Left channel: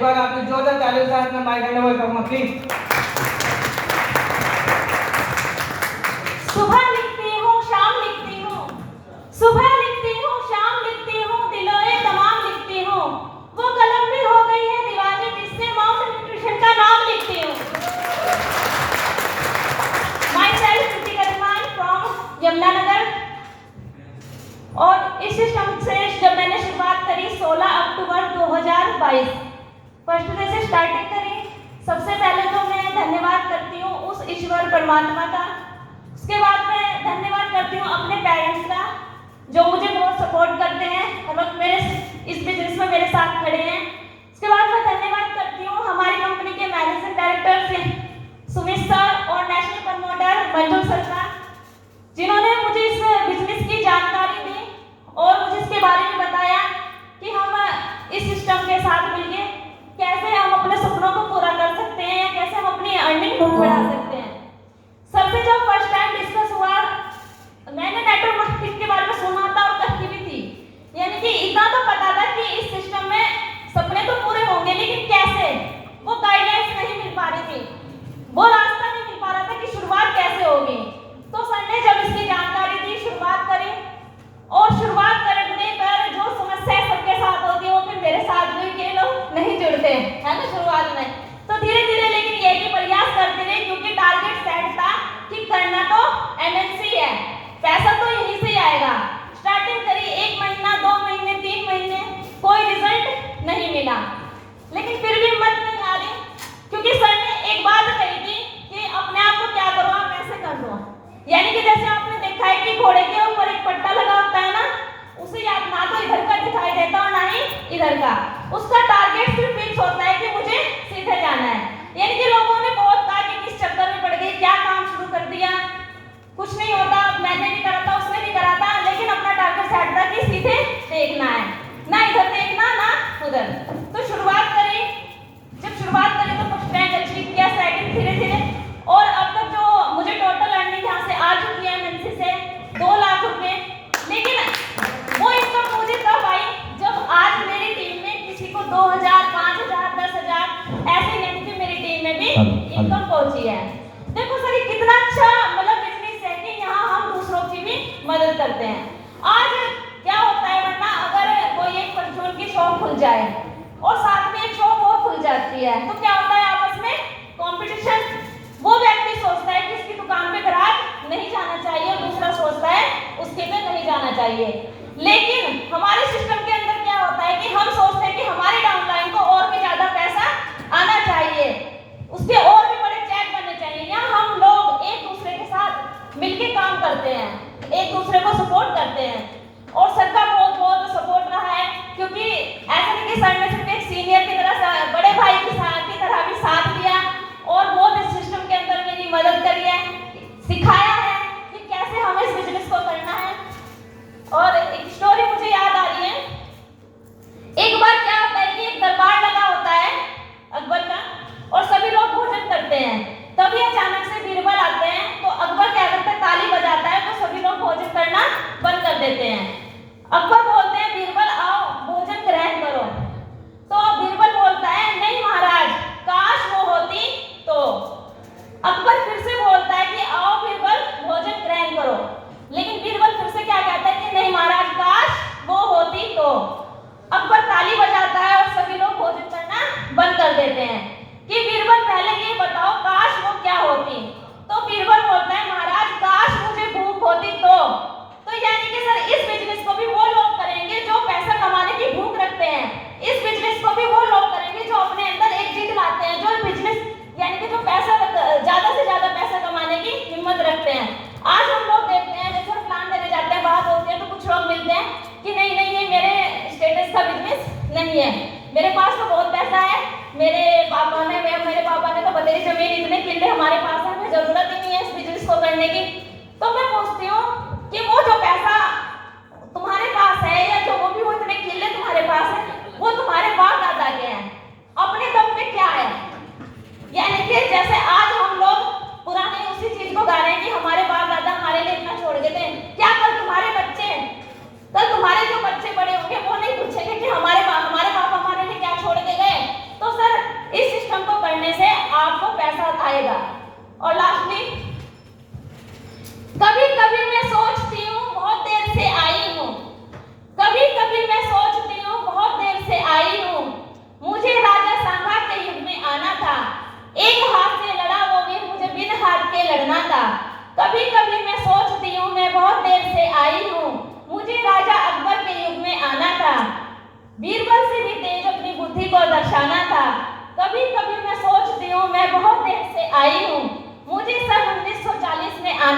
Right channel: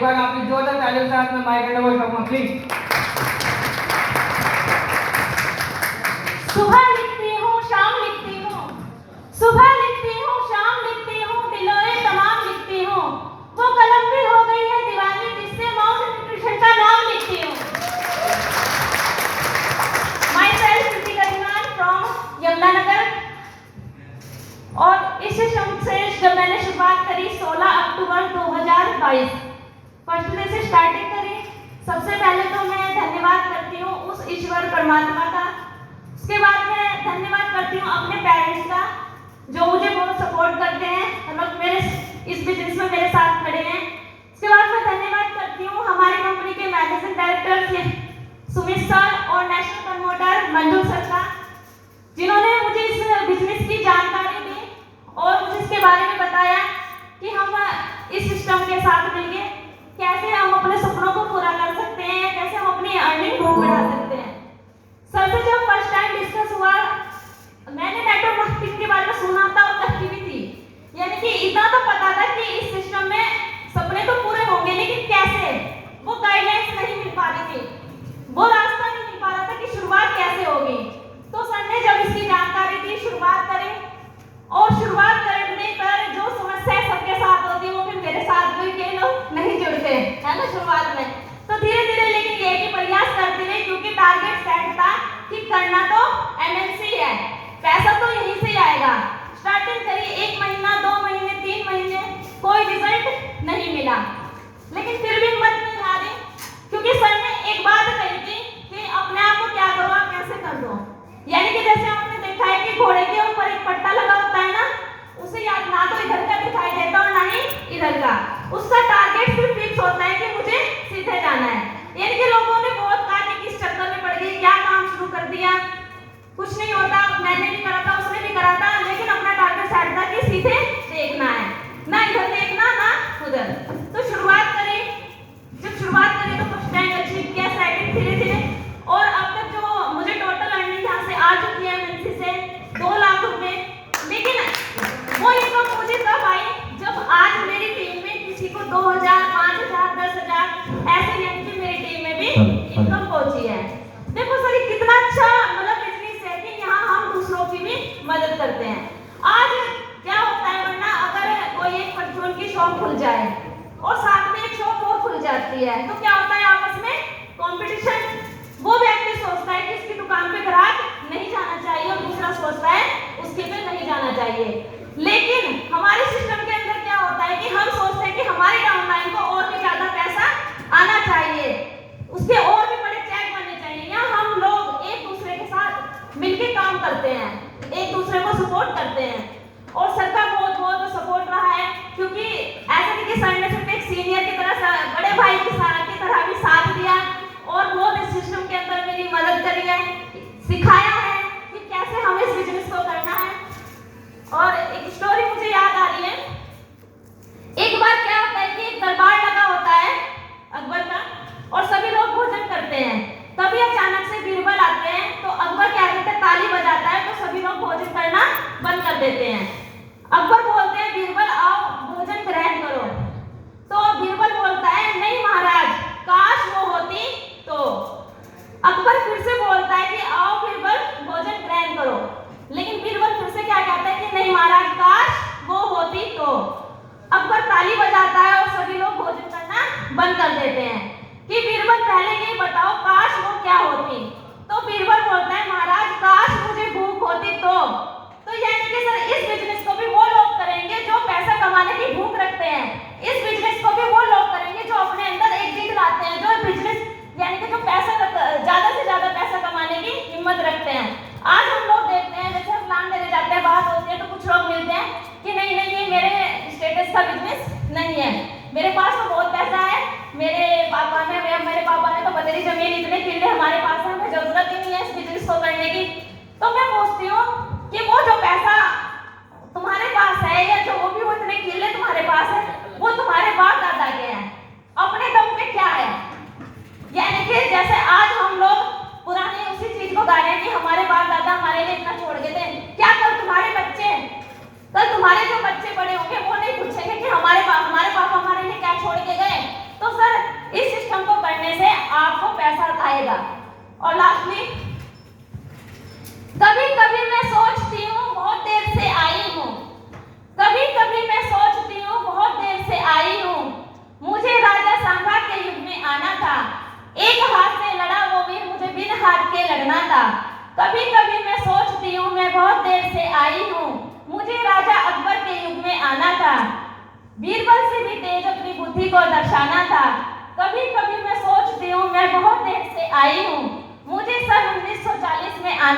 एक बार आपकी जोरदार तालियों के साथ में माइक हैंड ओवर करूंगा प्लीज। सुबह लिखती हूँ शाम लिखती हूँ, सुबह लिखती हूँ शाम लिखती हूँ, दिलोए तमाम लिखती हूँ, वो कलम भी हो गई है दीवानी जिससे माउस न्यूट्रिशन का नाम लिखती हूँ। Myself Kritika Rahiman from Yamunanagar. और इस सिस्टम से जब मैंने शुरुआत करी 16 अक्टूबर 2022 फर्स्ट डे से स्टार्टिंग करी। सबसे पहले तो मैं धन्यवाद करती हूँ उस ईश्वर परमात्मा का। उसके बाद मैं धन्यवाद करती हूँ अपने पेरेंट्स का जो मुझे बहुत सपोर्ट करते हैं, हर वक्त मेरे इस बिजनेस में मेरे साथ खड़े हैं। उसके बाद मैं धन्यवाद करती हूँ हमारी कंपनी के मैनेजिंग डायरेक्टर सुमित सर और नेशनल प्रमोटर मंजुल सर का, जिन्होंने मुझे इस बिजनेस की जानकारी दी और मुझे इसके बारे में बताया कि हम इस सिस्टम के साथ मिलकर कैसे हम अपने सपनों को पूरा कर सकते हैं, कैसे हम अपनी अर्निंग बढ़ा सकते हैं। सबसे जब फर्स्ट टाइम डिस्कस हुआ, मैंने नेटवर्क मार्केटिंग के बारे में सुना था और कही भी थी, यानी कि इतना तो पता था कि इस सिस्टम में सपने तो पूरे होंगे, लेकिन कैसे, वो गाइडलाइंस नहीं मिल पा रही थी, वो रास्ता नहीं मिल पा रहा था कि शुरुआत कैसे होगी। तो सर ने जब इसकी जानकारी दी, शुरुआत करी, और शुरुआत करने पर जो समस्या सबके साथ होती है वो फिर मेरे साथ भी के लोग नहीं जुड़ते है ना शुरुआत में। तो धीरे धीरे लेकिन ये भी प्रयास करते रहे, क्योंकि टारगेट सेट था कि करना तो एमएनसी है, पैसा तो यहीं से आएगा। स्टार्टिंग करी, 1 महीना 2 महीने 3 महीने, कोई रिजल्ट नहीं मिला, लेकिन फिर भी हिम्मत नहीं आ रही, क्योंकि सर ने एक बात कही थी कि अपने आप को क्या करो आप ऐसे कर दो। यानी कि जैसे आपने देखा है कि घोड़े के ऊपर एक पट्टा लगा होता है ना, उसे याद ना तो इधर का दिखाई देता और ना ही इधर का, उसका टारगेट सिर्फ फिक्स होता है कि मुझे सीधे जाना है। यानी कि लोगों ने बहुत कहा कि किस चक्कर में पड़ गई, क्या काम शुरू कर दिया, कुछ नहीं होता। मैंने भी करा था, उसने भी करा था, लेकिन अपना टारगेट सेट था कि सीधे देखना है, ना इधर देखना ना उधर। तो शुरुआत करी, जब शुरुआत करी तो फर्स्ट रैंक अचीव किया, सेकंड धीरे धीरे, और अब तक जो मुझे टोटल अर्निंग यहाँ से आ चुकी है एमएनसी से 2 लाख रुपए। लेकिन वो इनकम मुझे तब आई जब आज मेरी टीम में किसी को 2000, 5000, 10,000 ऐसे, यानी कि मेरी टीम में भी इनकम पहुंची है। देखो सर ये कितना अच्छा मतलब बिजनेस है कि यहाँ हम दूसरों की भी मदद करते हैं। आज क्या होता है, वरना अगर कोई एक परचून की शॉप खुल जाए और साथ में एक शॉप और खुल जाती है, तो क्या होता है आपस में कंपटीशन। वो व्यक्ति सोचता है कि इसकी दुकान पे ग्राहक नहीं जाना चाहिए और दूसरा सोचता है उसके पे नहीं जाना चाहिए। लेकिन हमारे सिस्टम के अंदर क्या होता है कि हम सोचते हैं कि हमारे डाउनलाइन को और भी ज्यादा पैसा आना चाहिए, उसके और भी बड़े चेक बनने चाहिए। यहाँ हम लोग एक दूसरे के साथ मिलकर काम करते हैं, एक दूसरे को सपोर्ट करते हैं, और सर का बहुत बहुत सपोर्ट रहा है, क्योंकि ऐसा नहीं कि सर ने सिर्फ एक सीनियर की तरह, बड़े भाई की तरह भी साथ दिया और बहुत इस सिस्टम के अंदर मेरी मदद करी है, सिखाया है कि कैसे हमें इस बिजनेस को करना है। और एक स्टोरी मुझे याद आ रही है, एक बार क्या होता है कि एक दरबार लगा होता है अकबर का, और सभी लोग भोजन करते हैं, तभी अचानक से बीरबल आते हैं। तो अकबर क्या करते हैं, ताली बजाता है, तो सभी लोग भोजन करना बंद कर देते हैं। अकबर बोलते हैं बीरबल आओ भोजन ग्रहण करो। तो बीरबल बोलता है नहीं महाराज, काश वो होती तो। अकबर फिर से बोलता है कि आओ बीरबल भोजन ग्रहण करो, लेकिन बीरबल फिर से क्या कहता है कि नहीं महाराज, काश वो होती तो। अकबर ताली बजाता है और सभी लोग भोजन करना बंद कर देते हैं कि बीरबल पहले ये बताओ काश वो क्या होती। तो बीरबल बोलता है महाराज, काश मुझे भूख होती तो। यानी कि सर इस बिजनेस को भी वो लोग करेंगे जो पैसा कमाने की भूख रखते हैं, इस बिजनेस को भी वो लोग करेंगे जो अपने अंदर एक जिद लाते हैं, जो बिजनेस यानी कि जो पैसा ज्यादा से ज्यादा पैसा कमाने की हिम्मत रखते हैं। आज हम लोग देखते हैं, जैसे हम प्लान देने जाते हैं, बात होती है, तो कुछ लोग मिलते हैं कि नहीं नहीं ये मेरे स्टेटस का बिजनेस नहीं है, मेरे पास तो बहुत पैसा है, मेरे पापा ने तो बतेरी जमीन, इतने किले हमारे पास है, हमें जरूरत ही नहीं है इस बिजनेस को करने की। तो मैं पूछती हूँ कि वो जो पैसा तुम्हारे पास है, या जो वो इतने किले तुम्हारे पास है, वो तुम्हारे बाप दादा के हैं, अपने दम पे क्या है। यानी कि जैसे आज हम लोग पुराने उसी चीज को गा रहे हैं कि हमारे बाप दादा हमारे लिए इतना छोड़ गए थे, क्या कल तुम्हारे बच्चे, कल तुम्हारे जो बच्चे बड़े होंगे वो नहीं पूछेंगे कि हमारे पापा हमारे लिए क्या छोड़ के गए। तो जाएगा। और लास्टली, कभी कभी मैं सोचती हूँ बहुत देर से आई हूँ, कभी कभी मैं सोचती हूँ बहुत देर से आई हूँ, मुझे राजा सांगा के युग में आना था, एक हाथ से लड़ा वो वीर, मुझे बिन हाथ के लड़ना था। कभी कभी मैं सोचती हूँ मैं बहुत देर से आई हूँ, मुझे राजा अकबर के युग में आना था, बीरबल से भी तेज अपनी बुद्धि को दर्शाना था। कभी कभी मैं सोचती हूँ मैं बहुत देर से आई हूँ, मुझे सन 1940 में आना